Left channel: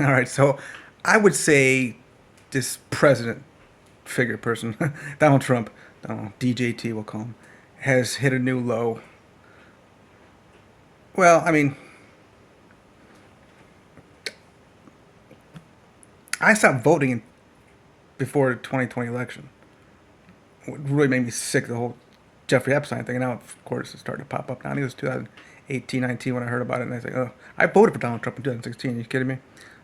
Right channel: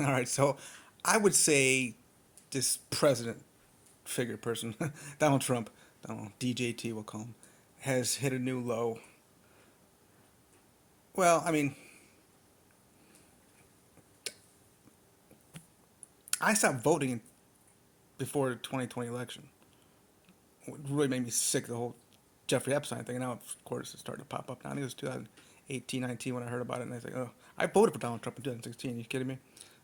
All right, so I would say this president figure person, Donald Trump, DJT we'll call him, has hit a new low. Well, I mean, I stopped voting before the 2020 election. What really made me sick, the whole Jeffrey Epstein thing. And now, of course, it's starting to pop up now. I think it was 2018, 19 when I heard about it. And I was like, oh, I voted for Donald Trump in 2016. Are you kidding me?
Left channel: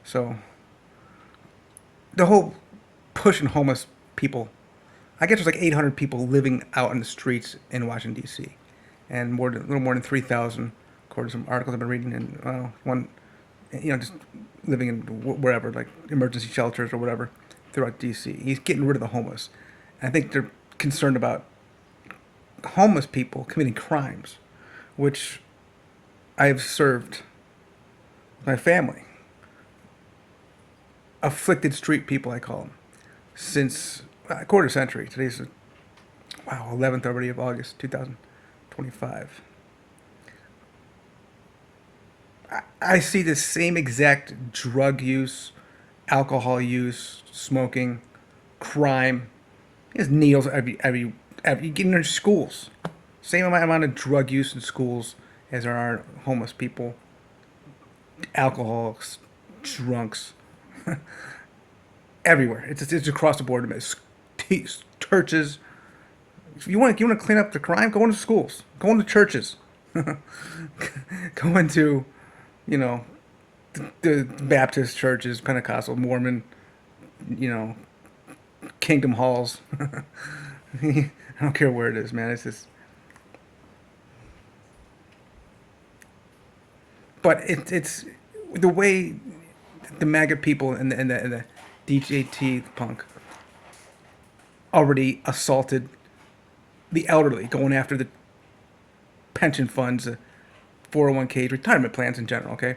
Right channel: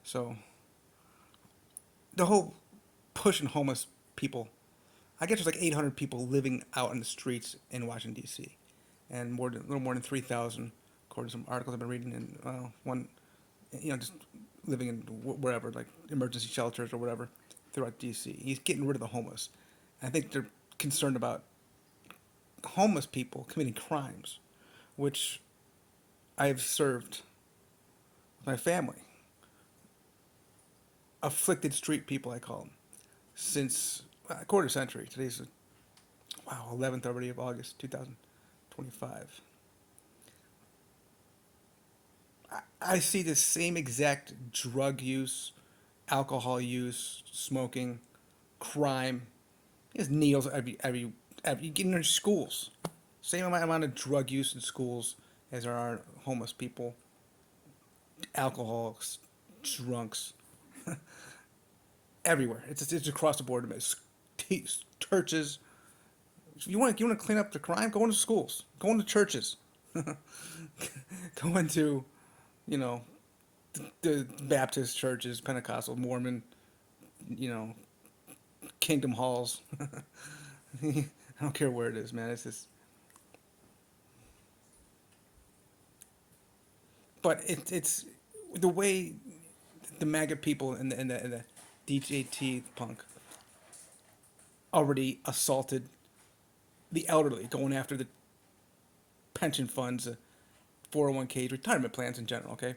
So, the whole pushing homeless people, I guess there's like 800 people living out in the streets in Washington, D.C. And a little more than 3,000, according to some articles I've been reading, and one, just living in wherever, like emergency shelters or whatever, throughout D.C. He's getting rid of the homeless. And I think they're concerned about homeless people committing crimes, which I've served with my family. Afflicted street people, I call them, since a quarter century. Today's, wow, 11th already of August 2025. I see the same exact drug use, alcohol use, smoking, crime. There's needles every you get in their schools. Same amount of drug use in schools as there are homeless people, alcoholics, drunks, everywhere. It's across the board. It's churches. If you want to clean up the crime, go into schools, go into churches, go into, you know, the Baptist churches, Pentecostal, Mormon, you know, Kingdom halls. I don't care where it is, man. It's just, but it's the way the MAGA people and the DJT punk already assaulted the elderly, going after the pension funds, 401ks, retirement plans in general. Okay,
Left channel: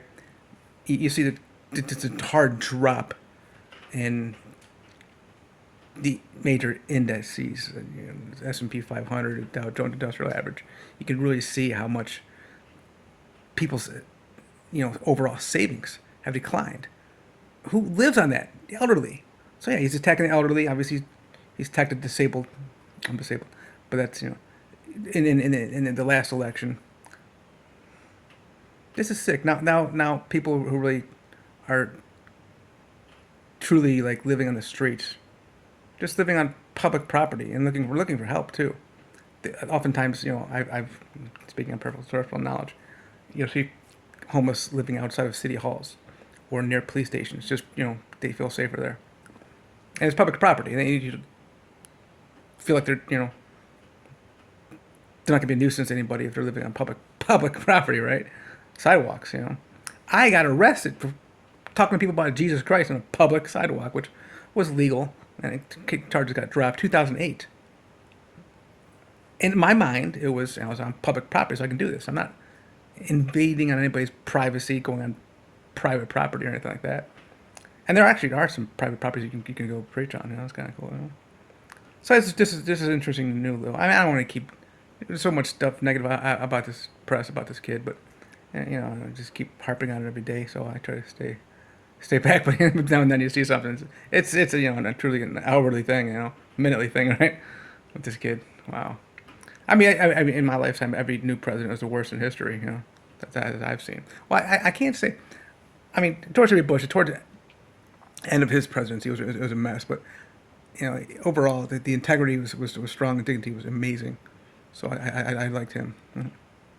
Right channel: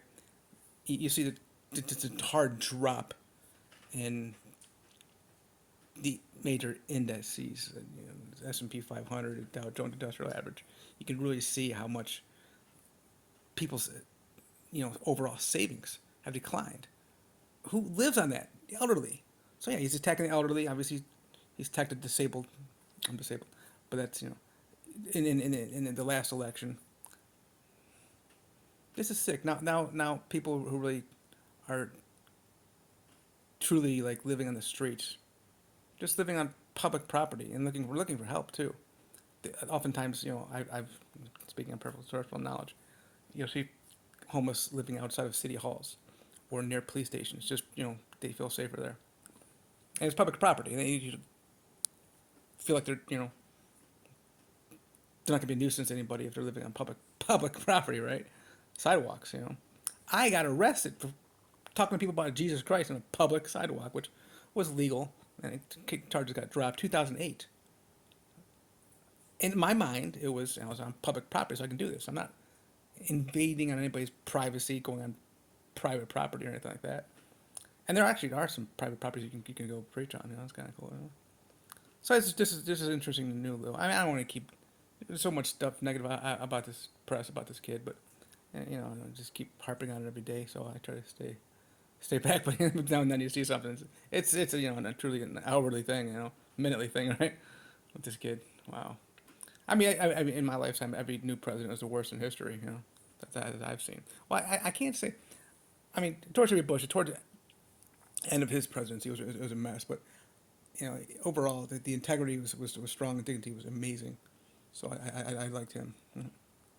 you see that it's a hard drop in the major indices, S&P 500, Dow Jones Industrial Average. You can really see how much people's overall savings have declined. Who lives on that? The elderly. So yeah, he's attacking the elderly. Obviously, he's attacked the disabled. I'm disabled, but that's in the last election. This is sick. Now people who really are truly like living on the streets, just living on public property and looking for help too. Oftentimes, I've speaking of personal knowledge, you'll see homeless living outside of city halls or near police stations. Just they feel safer there, and it's public property. And you feel like they're not gonna be a nuisance to anybody if they're living on public property, right? Sidewalks. I got arrested for talking to people about Jesus Christ on a public sidewalk, which was legal, and charges got dropped 2008. In my mind, I was on public property, so I can do this. I'm not invading on anybody's privacy, going on private property or anything like that. And there actually are some private properties you can go preach on. It's kind of cool. So this is interesting new though. I don't want to keep there's so much stuff negative about this press about this kid, but I just keep harping on it every day. So I try to stay back. But now and then you see something. It's a truly an hourly thing, minutely thing, right? With this kid, wow. I mean, I mean, in my lifetime, every new president was the worst in history. That I've seen. Well, I can't say. I mean, George W. Bush, towards the end of his presidency, it was a mess. But overall, the integrity was strong. The dignity was amazing. So I liked him.